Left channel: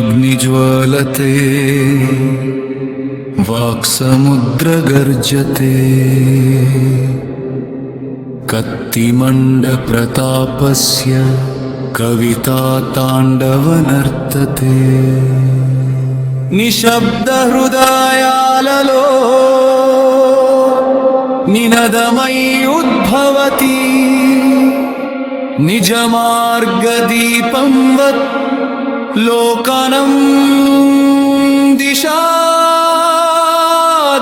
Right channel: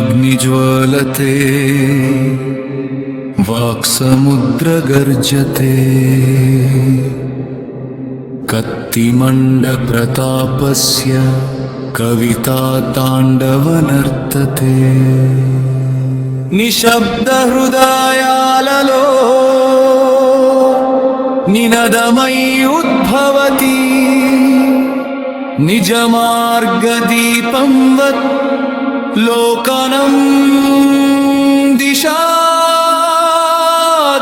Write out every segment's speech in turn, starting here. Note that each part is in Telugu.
अक्षराग्निज्वलते वाक्समुद्रगर्जते कत्तिमण्डप्रतापस्य कविता ताण्डवनर्तते निशब्दहृदयाలలో निनदमयी उद्भवति निजमार्गदीपंवत् लोकानं दिशा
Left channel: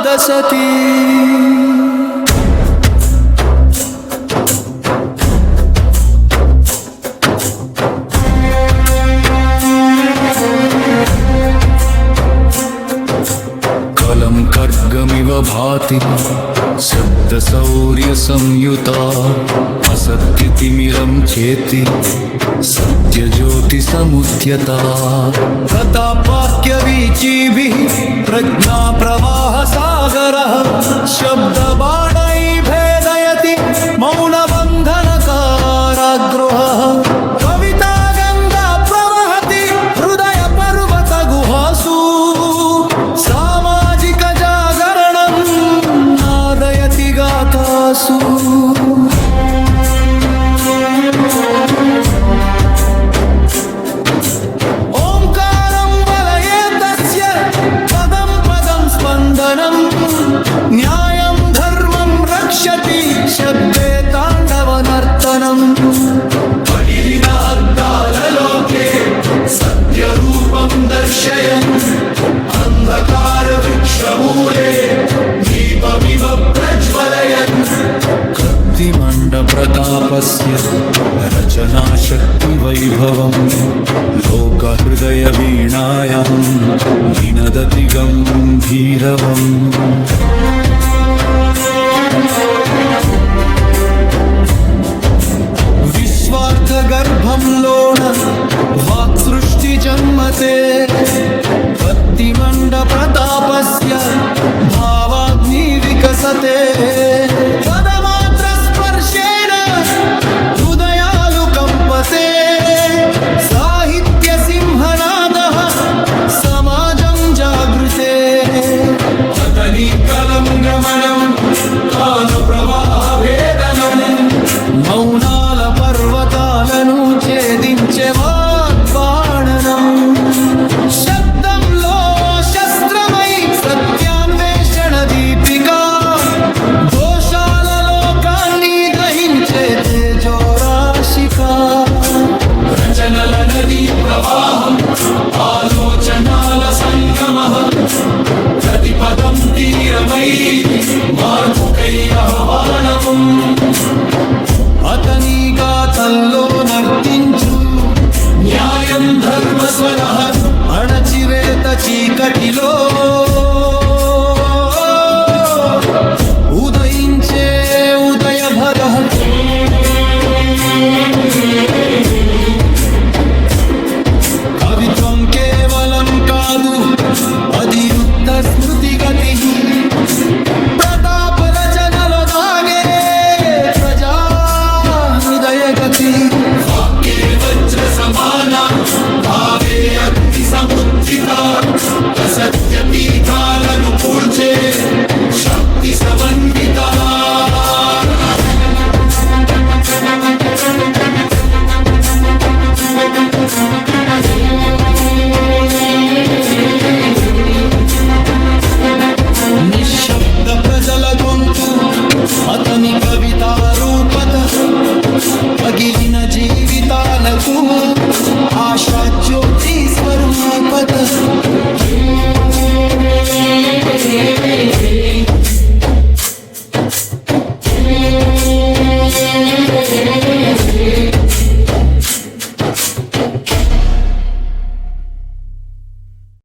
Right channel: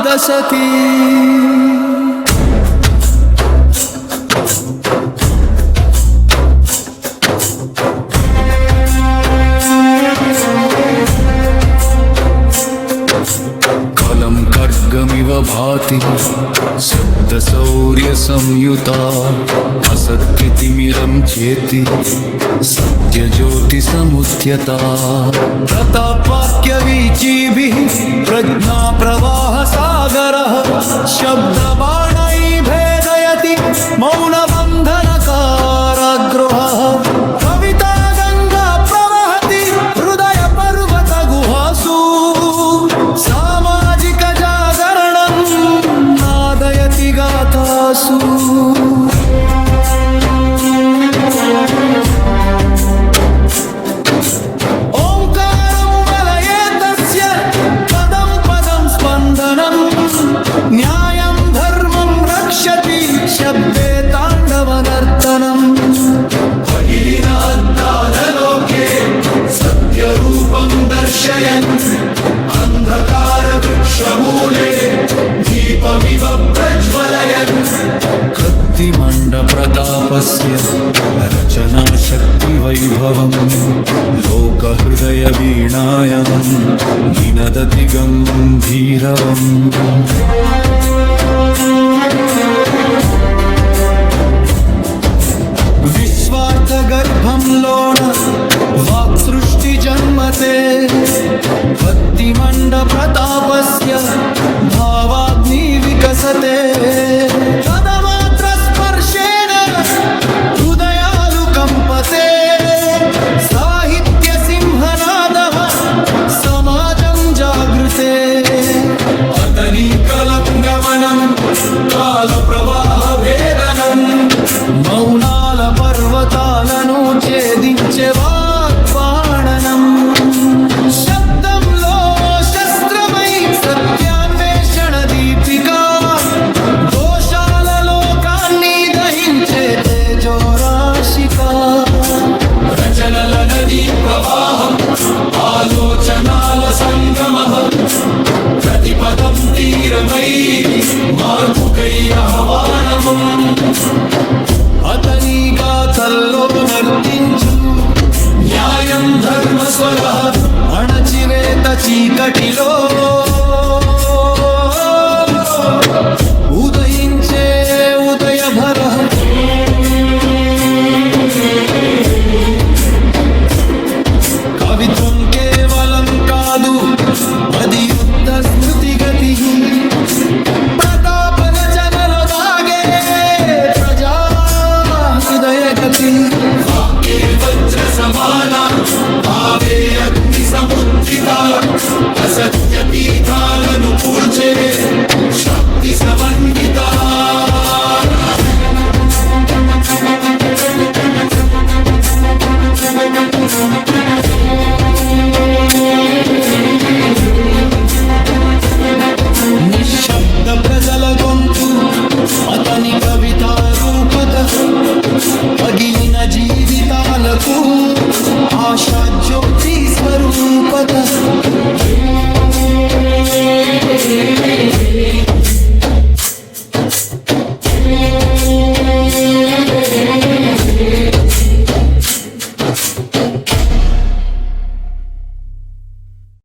दशति कलं खड्गमिव भाति शब्दशौर्यसंयुता असत्यतिमिरं चेति सत्यज्योतिसमुद्यता प्रतापवाक्यवीचिभिः प्रज्ञाप्रवाहसागरः शब्दबाणैः भेदयति मौनबन्धनकारागृहः कविता गङ्गा प्रवहति हृदयपर्वतगुहासु सामाजिकजागरणं नादयति गाथासु स्पन्दनं न्यायं धर्मं रक्षति शब्दे ताण्डवनर्तनम् अखिलिन अद्दाललोके सत्यरूपं दर्शयन् अन्धकारवृक्षमूले दीपमिव प्रज्वलयन् कत्तिमण्डप्रतापस्य रचनाशक्तिवैभवम् लोकहृदयवीणायां निनदति गम्भीरवम् विश्वार्थगर्भं लोन वाक्सृष्टिजन्मते कत्तिमण्डप्रतापस्य भावाग्निर्विकसते पदमात्रस्पर्शेन हृदयालु कम्पते साहित्यसिंहनादः समाजं जागृते अतनी कलङ्गमनं कालप्रवाहभेदनं మౌనాల పర్వతాలను ఛేదించే వాగ్బాణనం శబ్దంలో శస్త్రమై సత్యాన్వేషణ దీపిక దోషాల లోకాన్ని దహించే తేజోరాశిక రచనల నదీ ప్రవాహం ఆలోచనాల సంగమః ప్రతిపదం తీరమై మార్పుకై ఆహ్వానం అతని గాథల్లో నర్తించు న్యాయం ధర్మస్వరః అణచివేత చీకటిలో ఉదయించే ఉదయభరః కవిత్వం కేవలం కాదు అది యుద్ధ స్మృతిగతి ప్రతాప రచనలో దాగే ప్రజా హృదయగతి వాక్యే వజ్ర సమాన భావే అగ్ని సముద్దిత అసత్య పీఠాలను కూల్చే శక్తి సమన్విత నిశ్శబ్ద ప్రజల గొంతు అతని కవితారూపక పగిలిన జీవితాలకు ఆశాజ్యోతి స్వరూపత